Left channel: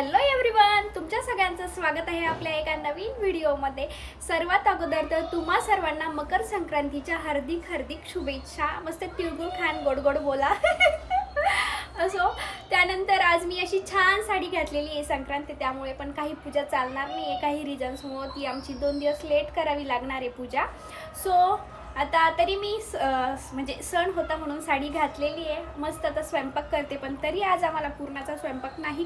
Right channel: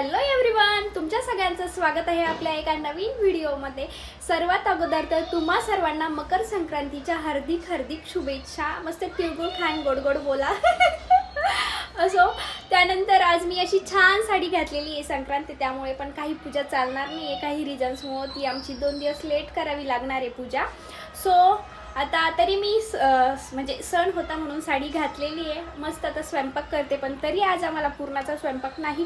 Hello everyone, तुमच्या सगळ्यांचं स्वागत आहे आपल्या एका नवीन व्हिडिओमध्ये. सर्वात अगोदर तर तुम्हा सर्वांना मकर संक्रांतीच्या हार्दिक शुभेच्छा. मस्त तिळगुळ खान, गोड गोड बोला. असो, त्यानंतर आज मी अशी छान साडी घातलेली आहे. संक्रांत त्यामुळे पण काही पूजा चालणार नाही आहे. काही रिझन्समुळे ती आमची 2 दिवस लेट करावी लागणार आहे पूजा. सो आता तरी मी म्हणजे सण होता म्हणून साडी घातलेली आहे. मस्त आता स्वयंपाक करते, पण तरी आज आम्हाला पूर्णाचा स्वयंपाक नाही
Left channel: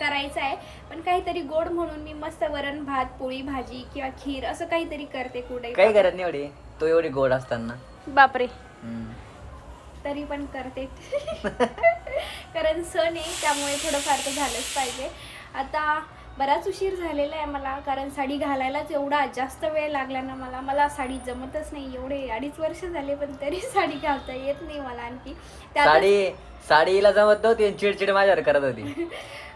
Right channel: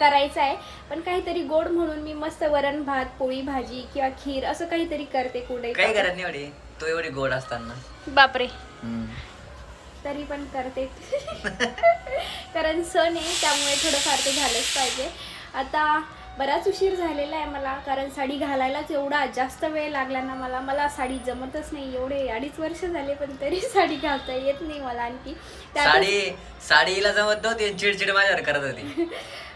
करायचा आहे. पण काहीतरी गोड म्हणून मी मस्त वरण भात, पोळी भाजी किंवा खीर असं काहीतरी करते. कुठे काही करत नाही एवढी, तो एवढी गोड असताना. बापरे, तरी पण करते. कारण सण आहे त्यामुळे थोडंफार तर झालंच पाहिजे. आता बराच उशीर झालेला आहे मला, कारण साडी घालायलाच एवढा जास्त वेळ लागला ना. मला साडी जमतच नाही. एवढे 2.5 वर्ष झाले पण तरी साडी घालता येत नाही मला. आणखी साडीला जमत नव्हती, चिडचिड माझ्यावर करत होती.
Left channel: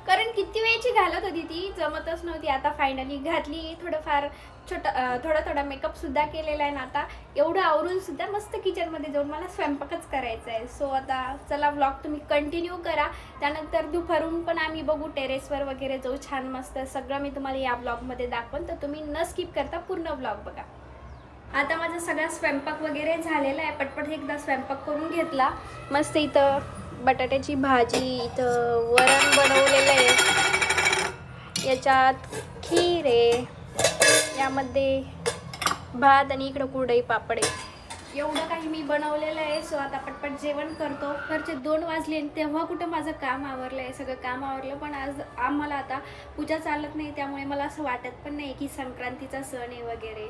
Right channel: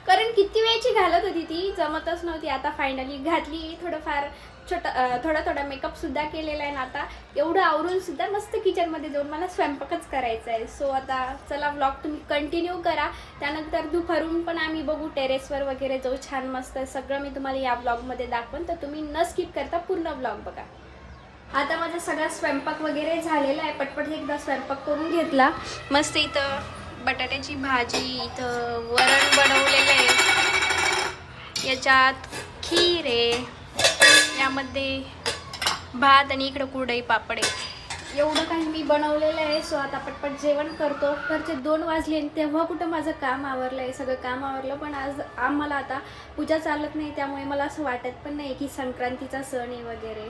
कारण किती वेळची घालत होती ती, जमतच नव्हती. आता फायनली घातली. थोडंफार थोडा मेकअप सुद्धा केलेला आहे ना. आता एवढं आवरून सुद्धा मस्त किचनमध्ये जाऊन मला स्वयंपाकच करायचा आहे. सो आता चला, व्लॉग तुम्ही कंटिन्यू करा. त्यानंतर दुपारून पण आम्ही बघू, टेरेसवर वगैरे जाऊ. छान मस्त सगळं मी तुम्हाला या व्लॉगमध्ये दाखवेन, तर तुम्ही न स्किप करता पूर्ण व्लॉग बघा. आता माझा सगळा स्वयंपाक वगैरे झालेला आहे. पटपट एकदा स्वयंपाक करून घेतला. मस्त इथं बटाट्याची भाजी, इथं वरण बनवलेलं आहे, याच्यात खीर आहे, यामध्ये भात आणि इकडं कुरडई पापड आहे. एवढं काही मी बनवलेलं आहे. सो आता पटपट जेवण करतो. घरचे 2 वाजले तेव्हा कुठं माझं काम आवरलं आहे. सगळं काम आवरलं, पण आज आम्हाला आता पूजा चालत नाही. त्यामुळे मला असं वाटत पण नाही की संक्रांतीचा सण आहे वगैरे.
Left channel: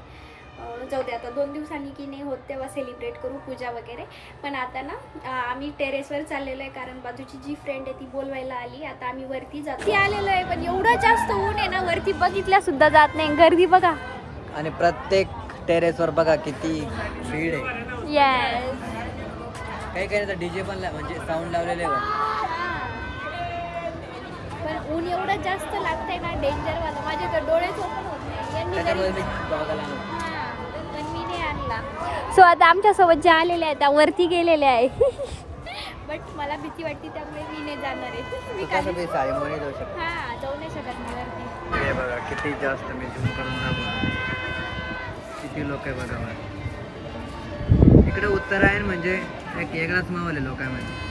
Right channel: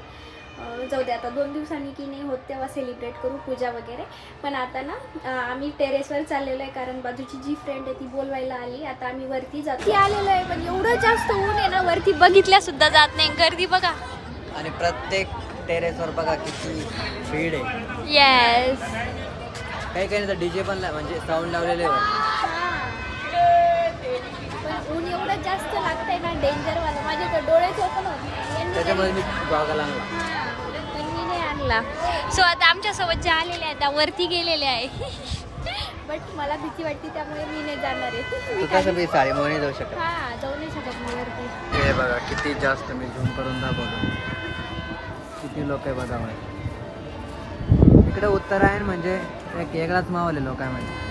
जाऊ दे, आता 2 दिवसांनी की नाही होत तेव्हा सेलिब्रेट करू पूजा वगैरे. पण आता ना आम्ही टेरेसवर चाललेलो आहे, कारण बाजूची जी फ्रेंड आहे ती बोलवायला आली. आता आम्ही वरती जातो आलेलो आहे, पण एवढं जास्त ऊन आहे ना, वरती बघितल्या सुद्धा जात नाही. गर्दी बघा, आणि प्रत्येक टेरेसवर बघा किती भीड आहे. येस, काही तर डीजे पण म्हणजे साऊंड लावलेले वर. पण ऊन एवढं जास्त लागतंय ना, डेंजरवालं. माझे तर डोळेच ओपन होत नाही. त्याच्यामुळे मी गॉगल आणलो, पण मी नाही आणला. सो आता आमच्यासोबत ज्या आलेल्या आहेत त्या वरती गेलेल्या आहे. बट मला भीती वाटते, त्यामुळे मी नाही जाणार आहे. मी साडी मोनी जाऊ शकतो. हा, जाऊ नाही शकत मी वरती. हे बघा किती जास्त मी झूम करून दाखवतो, किती लोक आहे बघा. मला इकडे उत्तरायण म्हणजे एक वेगळाच माहोल आहे लोकांमध्ये.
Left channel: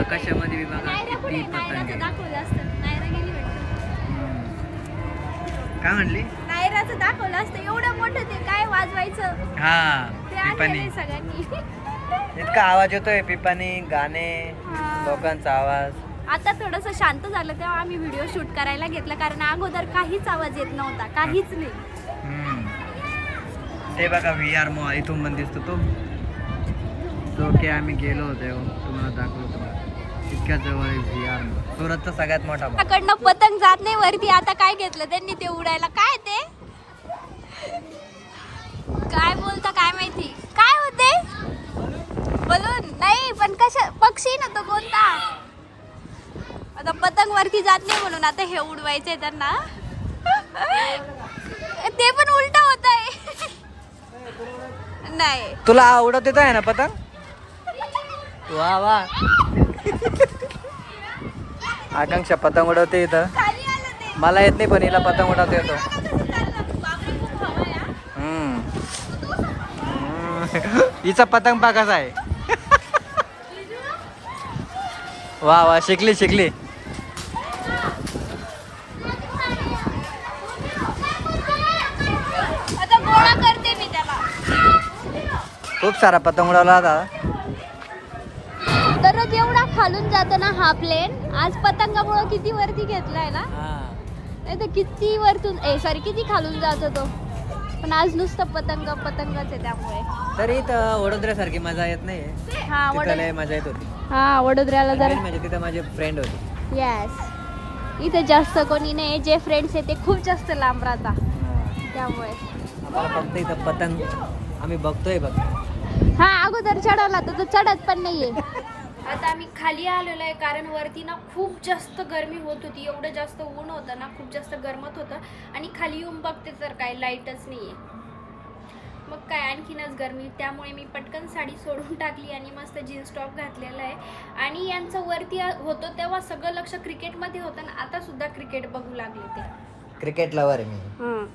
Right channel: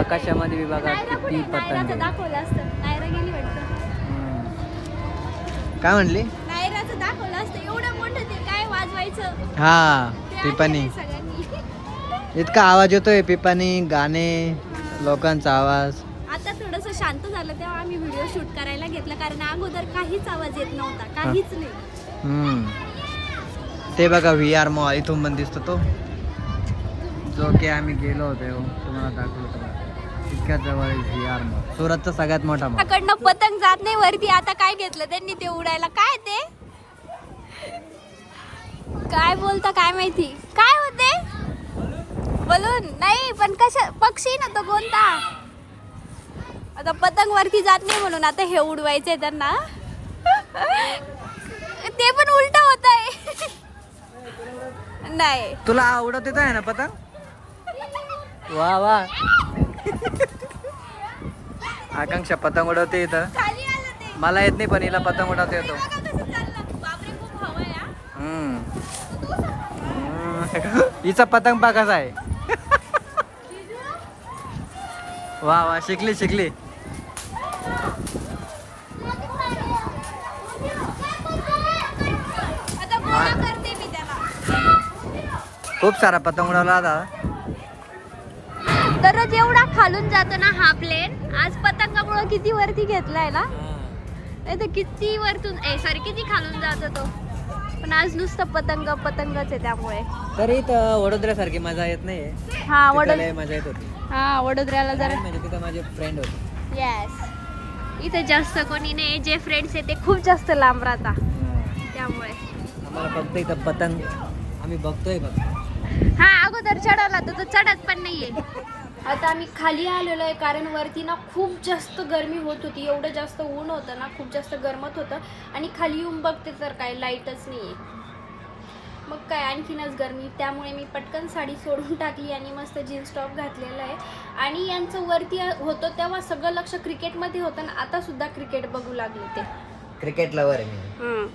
आकाशामध्ये बी बघा किती पतंग दाखवलं असतं. नायरा गेली वाटतं. काय म्हणली? नायराचं दाखवलं असतं. एवढं मोठं ते काय वाजवायचं. हा, पिपाणी. सगळ्यांनी इतका आवाज येतोय, पिपाणी, गाणे, लोकांचा आवाज. आता थोडंसं शांत झालं तेव्हा आम्ही व्हिडिओ शूट करायला घेतला, कारण अगोदर काहीच आवाज येत नव्हता, काहीच नाही. ते बघा VR मॉल इथून पण दिसतो तो, जो की आम्ही गेलो होतो, तुम्हाला दाखवतो. इतक्या जवळ आहे VR मॉल, सुरतचा सगळ्यात मोठा मॉल. त्याकडनं पतंग जात नाही वरती. आता काय घेतलं त्यांनी ते उडायला. काय ते काय बोलता काय माहिती, काय होते बलून नाही, पण कशा पक्षी ना तो कोणता. आता पतंग वरती जात नाही म्हणून आता हे उडवायचंय त्यांना. ते पण उलट होत आहे. नाही, तुला उडत येत आहे ना पतंग? वा वा. आकांक्षा पतंग उडवते इथं. मला येत नाही, पण हिला पतंग उडवता येतो. हिचा पतंग पा कसा आहे. वा वा, शिकली. खूप सारा पतंग उडवला होता. तर एवढा खालून जातो ना हा प्लेन. आज पतंगामुळे किती वरती घेतलाय ना, नाही तर किती वरतून किती खालून जातो तो. पण आज नुसतं पतंगच आहे, त्यामुळे तरी इथं वडोदऱ्यासारखी मजा येत नाही. हा, मजा येत होती. हा, वडोदऱ्याला म्हणजे तिथं माझे फ्रेंड होते. येस, इथे जास्त कोणी नाही. जे फ्रेंड्स आहे ते खूप जास्त लांब राहता, त्यामुळे फक्त इथं पतंग आम्ही बघतोय बघ. हा, अगोदर चढायला तर चढत पण नाहीये. आता आम्ही खाली आलेलो आहे, कारण वरती ना खूप जास्त गरमी होत होती. एवढं जास्त ऊन होतं ना, खूप जास्त गरमत होतं. आणि खाली येऊन बघते तर काय लाईटच नाहीये. मग काय आणखीनच गरमी, त्यामुळे मी पटकन साडी सोडून टाकली आणि मस्त जीन्स टॉप घातलेला आहे. आणि यांचं वरती होतं तेव्हा सगळं लक्ष क्रिकेटमध्ये होतं ना, आता सुद्धा क्रिकेट बघू लागले ते. क्रिकेट लवर आहे मी.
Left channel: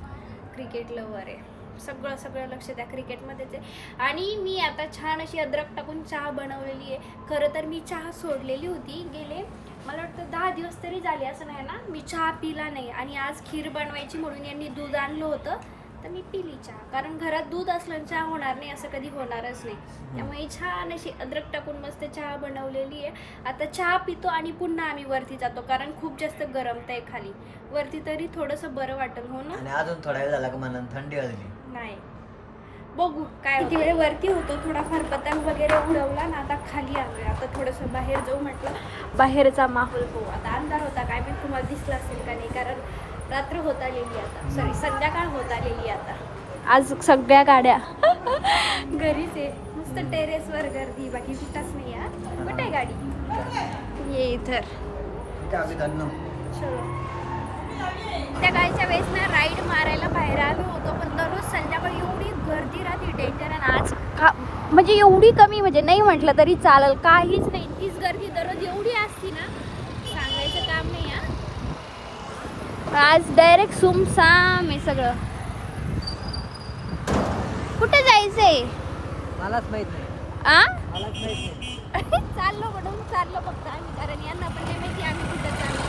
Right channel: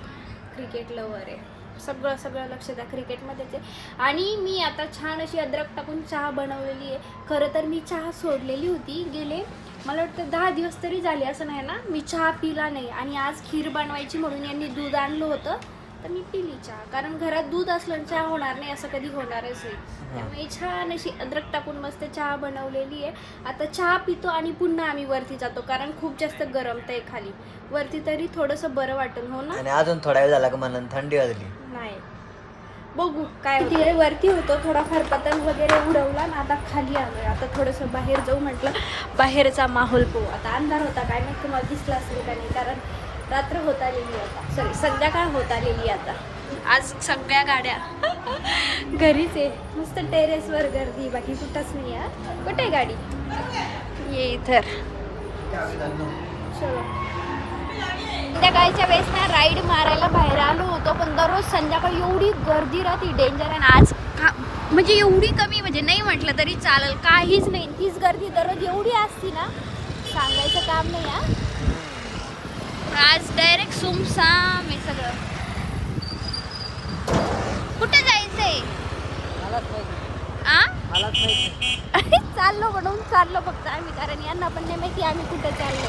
क्रिकेट लवर आहे, सगळं लक्ष त्या क्रिकेटमध्येच आहे. आणि मी आता छान अशी अद्रक टाकून चहा बनवलेली आहे. खरं तर मी चहा सोडलेली होती, गेले मला वाटतं 10 दिवस तरी झाले, असं नाही ना मी चहा पिला नाही. आणि आज खीर बनवायची म्हणून यांनी दूध आणलं होतं, तर मी पिली चहा. कारण घरात दूध असलं चहा होणार नाही असं कधी होणारच नाही. त्यामुळे छान अशी अद्रक टाकून मस्त चहा बनवलेली आहे. आता चहा पितो आणि पुन्हा आम्ही वरती जातो, कारण खूप जास्त गरमत आहे खाली. वरती तरी थोडंसं बरं वाटेल, हो ना. आणि अजून थोडा वेळ झाला का मला थंडी वाजली. नाही, बघू काय होतं. वरती होतो थोडाफार पतंग वगैरे उडवला ना, आता खाली आलोय. आता थोडंसं बाहेर जाऊ म्हटलं, बाहेरचा माहोल पाहू. आता अंधार होता काय माहिती तुम्हाला दिसला असेल का नाही, कारण रात्र होत आलेली आता, सॉरी संध्याकाळ होत आलेली आता. आज सगळ्या गाड्या घरीच आहे, नुसतं टेरेसवर गर्दी, बाकी कुठंच नाही आहे. कुठे गाडी ये इथं. चलो, संध्याकाळच्या वेळेस ना राईड मारायला बाहेर आलो होतो, पण दररोज संध्याकाळी एवढी गर्दी राहते, डेंजर आहे. आज म्हणजे एवढी कमी, म्हणजे नाही म्हटलं तरी चालेल, काहीच नाही. तीच गर्दी दररोज एवढी असती ना, सांगायचं काम नाही. आज डायरेक्ट सुमसाम आहे सगळं. कुठे जायचंय मलाच माहित नाही. चाललो म्हणून चाललो फक्त आम्ही, कारण यांना पण नाही माहिती आम्ही कुठे चाललो.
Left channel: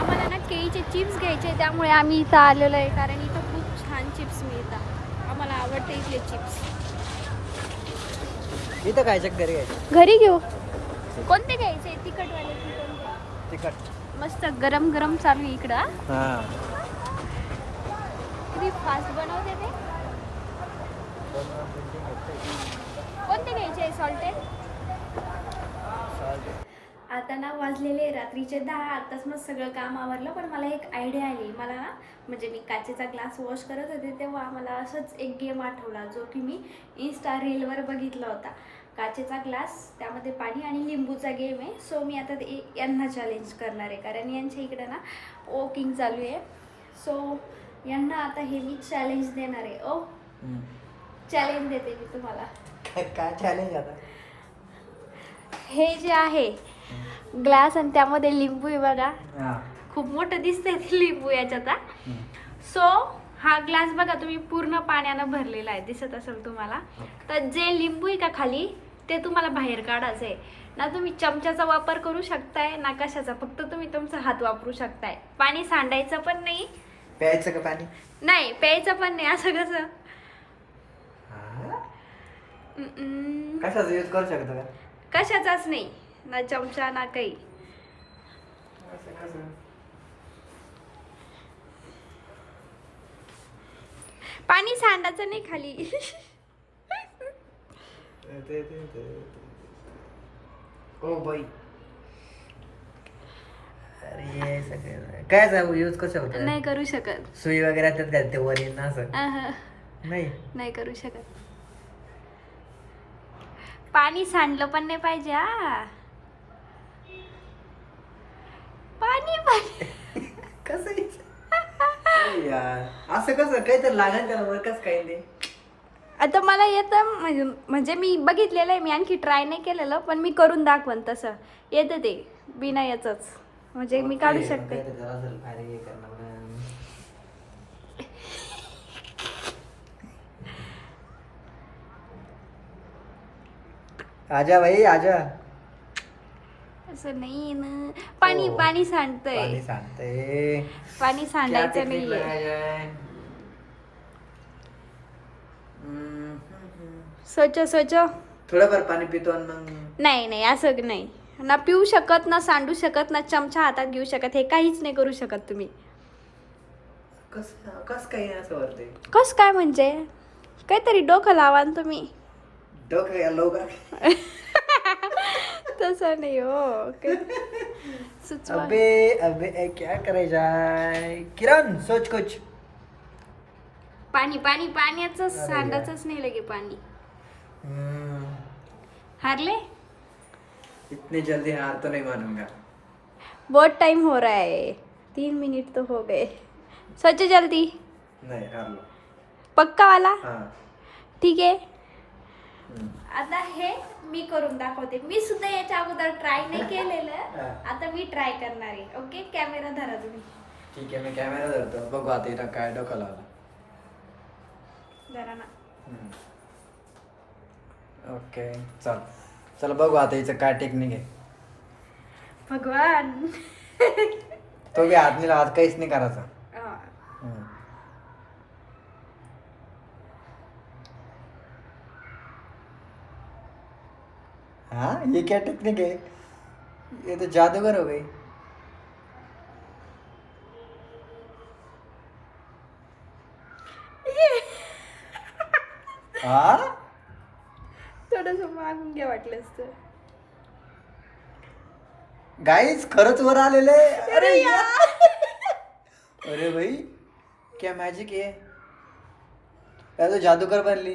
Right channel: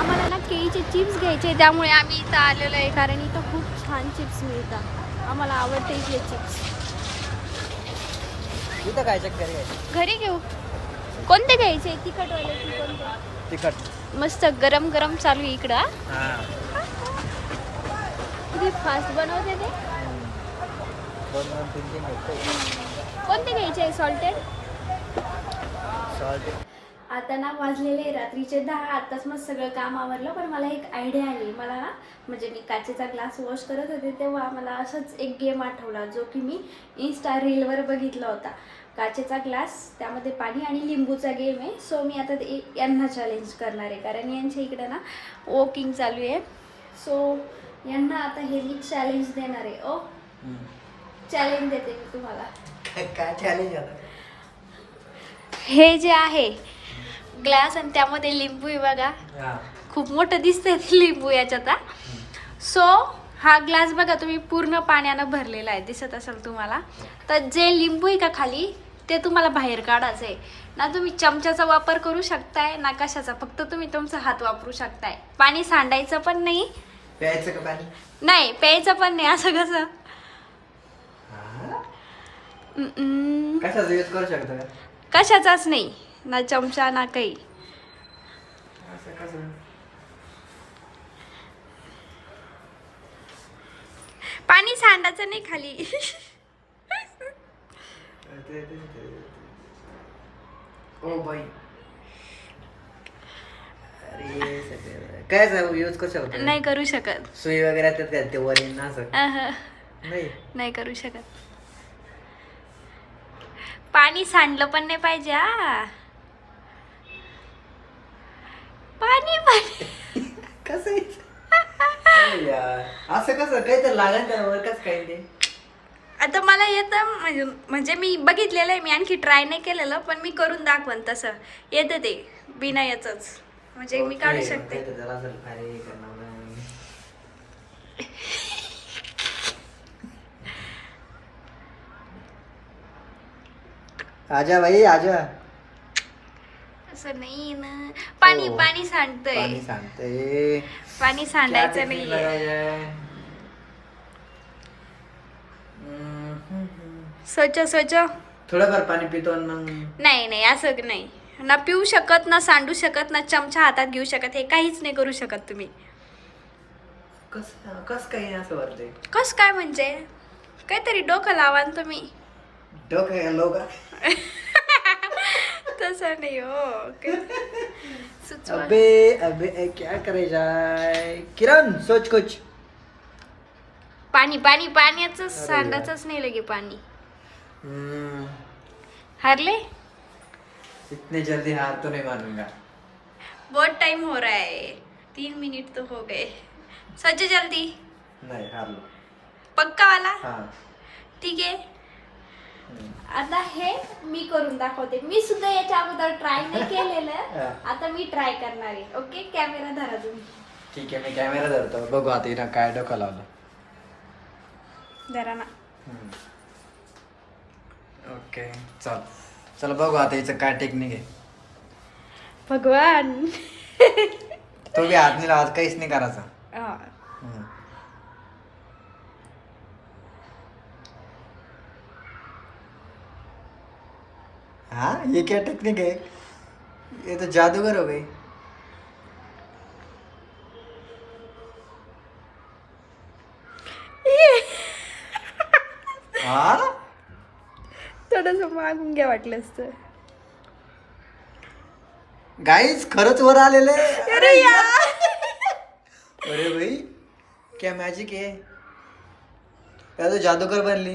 आम्हाला ना केळीचे चिप्स घ्यायचे, त्यामुळे आम्ही इथं आलेलो आहे, कारण इथं खूप छान चिप्स मिळतात. आम्हाला आवडते इथले चिप्स. इथं काय घरी घरी घेऊ. कोणते घ्यायचे, तिखटवाले की कोणते? तिखट. मस्त गरम गरम चालू आहे इकडं. हां, किती फास्ट बनवते ते. कोणते घ्यायचे, सॉल्टेड? आता ना वाजलेले रात्रीचे 10. आताच मग सगळं काम आवरलं, पण मला एक आयडिया आली. मला ना म्हणजे मी काचेचा ग्लास वॉश करत होते तेव्हा मला असंच एक गेम आठवला, जो की मी इंस्टा रीलवर बघितला होता. काचेचा ग्लास, त्यामध्ये पाणी आणि लिंबूचा गेम आहे. सो मी आता यांना चॅलेंज करणार आहे, कारण यांच्या इकडं ना वॉकिंग चालू आहे. सो यांना आता हे मी चॅलेंज देणार आहे. ओ चॅलेंज देते मी तुम्हाला. काय चॅलेंज आता? हे जे आहे ग्लास आणि त्यामध्ये लिंबू आहे बघा, खूप मोठं दिसतंय ते लिंबू याच्यात. सो हा ग्लास बघा तुम्ही पूर्ण पाण्यानं भरलेला आहे, दिसत असेल तुम्हाला. तर जे लिंबू आहे का खाली, ते तुम्हाला बाहेर काढायचं आहे ना. तुम्ही चमच्याचा वापर करू शकताय ना कशाचा, फक्त तुम्ही तुमचा हात वापरू शकताय. पाणी सांडायचं पण नाही. प्यायचं का पाणी? नाही, प्यायचं पण नाही. असं कसं? कशाचा यूज करू शकतो का? कशाचाच नाही, ना चमचा ना काही. पाणी सांडायचं नाही खाली. ओ बाई, काय यूज करू शकतो? नाही करू शकत. सुई वगैरे त्यात घालते वर येईन ना असं? नाही करू शकत. पाणी सांडलं पण नाही पाहिजे. पाणी पाणी कसं असं कसं काही तर लागेल का? कसं काही ते आता मला येतं, म्हणजे मी बघितलेलं आहे, मी आणखी ट्राय नाही केलेलं, पण मी करून दाखवन तसं येतं ते बिना याचंच, म्हणजे मी काढू शकते. आजा भाई आजा. असं नाही ना. पाणी पाणी सांडतंय. पाणी सांडायचं नाहीये. स्वच्छ थोडंफार पाणी पितो मग. नाही असं नाही ना, पिऊ शकत ना, सांडू शकत ना, चमचा हातात घेऊ शकत, हे काहीच नाही करू शकत तुम्ही. कस काही असं वाटतंय? कस काय म्हणजे काहीतरी डोकं लावा ना तुम्ही. डोकं घालो का? तसं नाही हो. सुचवा. अबे क्या करायचा किरण, सोच कुछ. पाण्याचं सांडायचंच नाही लगे पाणी. हारले? इतने जल्दी हार तो नहीं मानूंगा. बहुत टाइम हो रहा है, 3 मिनट तो हो गए. सोचो जल्दी. नाही हारलो. पक्का वाला. हा. ठीक आहे. आता हे मी करून दाखवते. मी सुद्धा याच्या अगोदर ट्राय नाही केलेलं. आता मी ट्राय करणार आहे. ओके, कॅमेरा धरा तुम्ही. ठीक आहे, मी कॅमेरा धरतो. बघू आता इथं काय डोकं लावलं. धरा ना. ओके, चल बघू आता हिचं काय टेक्निक आहे. भगवान. तो बी हात नाही लावत, काहीच नाही करायचा. हा. हाँ, ये क्या टेक्निक है? ये तो जादूगर हो गई. हाँ, थोडस मागून घ्या वाटलं असतं. गाइस खरंच वर आलेले. अरे यार. अरे भाई क्या मैजिक है. या तो जादूगर बनली.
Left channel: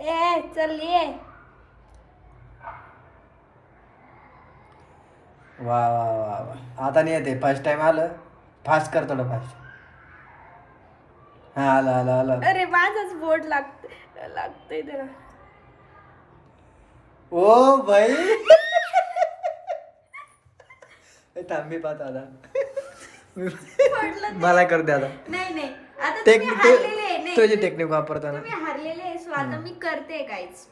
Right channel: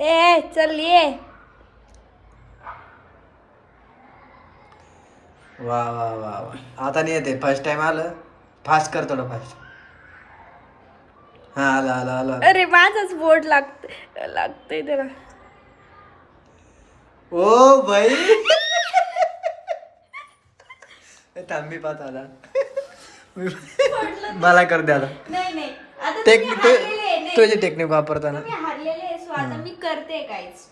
ए चल ये. वा वा वा वा. आता नाही येते, फर्स्ट टाइम आलं. फास्ट कर थोडं फास्ट. हा आलं. अरे माझाच बोर्ड लागतोय त्याला. ओ भाई. थांब मी पाहतो आता. मला कर दे आता. नाही आता टेक्निक तुम्ही हारलेले आहे. नाही, तुझी टेक्निक वापरताना. तुम्ही हारलेले आहे. सो आता मी करते काहीच.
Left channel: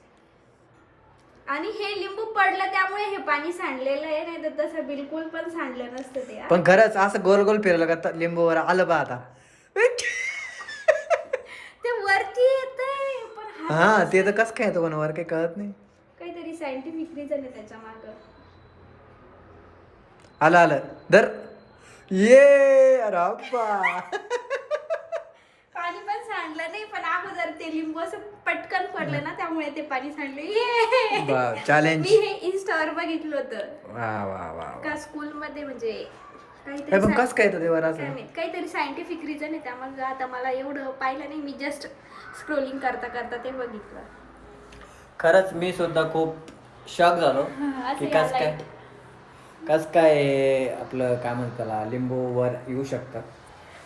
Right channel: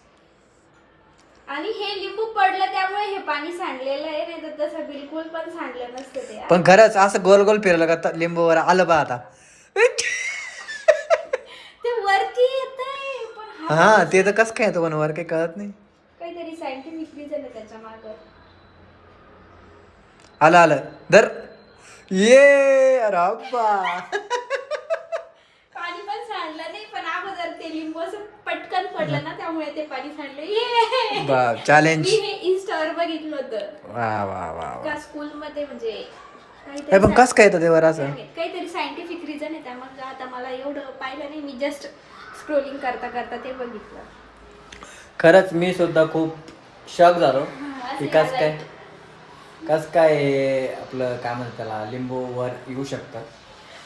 आणि हे लिंबू पडलं त्यामुळे हे पाणी सांडलेलं आहे. नाही तर तसं बिलकुल पण सांडलं नसतं ते. पण खरंच असं गोल गोल फिरलं का लिंबूवर आलं बा आता. ते वरती येतंय पण हा ते तर कसं काय येतं पण वर काही कळत नाही. काहीतरी सायंटिफिक रिझन आहे त्याच्या मागं. आलं धर. ये अरे अब्बा. पाणी पण सांडलं नाही पण अगोदर ते लिंबू असं पटकन पडलं ना त्यामुळे ते पाणी सांडले. ये चॅलेंज. मी हे इंस्टावर बघितलं होतं. वा वा वा. का स्कूलमध्ये म्हणजे हे पण कसं काय येतं ते वर असं. काहीतरी सायंटिफिक रिझन आहे. त्यामुळे आता मला एवढं पाहिलं नाही. मी जस्ट स्क्रोलिंग करता ते बघितलं. खरंच मी सुद्धा खूप शॉक झालो. कस काय आपलं काय म्हणतात त्याला लिंबू वर येऊ शकतात.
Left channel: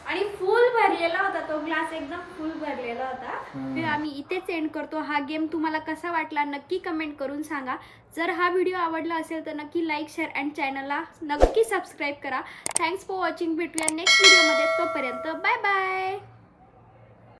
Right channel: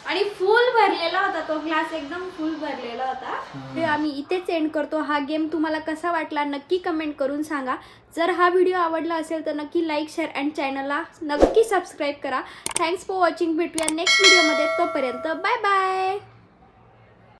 आणि फुल भरलेला होता तो ग्लास. एकदम फुल भरलेला होता. हे आम्ही इथेच एंड करतो. हा गेम तुम्हाला कसा वाटला नक्की कमेंट करून सांगा. जर हा व्हिडिओ आवडला असेल तर नक्की लाईक शेअर अँड चॅनलला नक्की सबस्क्राईब करा. Thanks for watching. भेटूया नेक्स्ट व्हिडिओमध्ये. तोपर्यंत बाय बाय.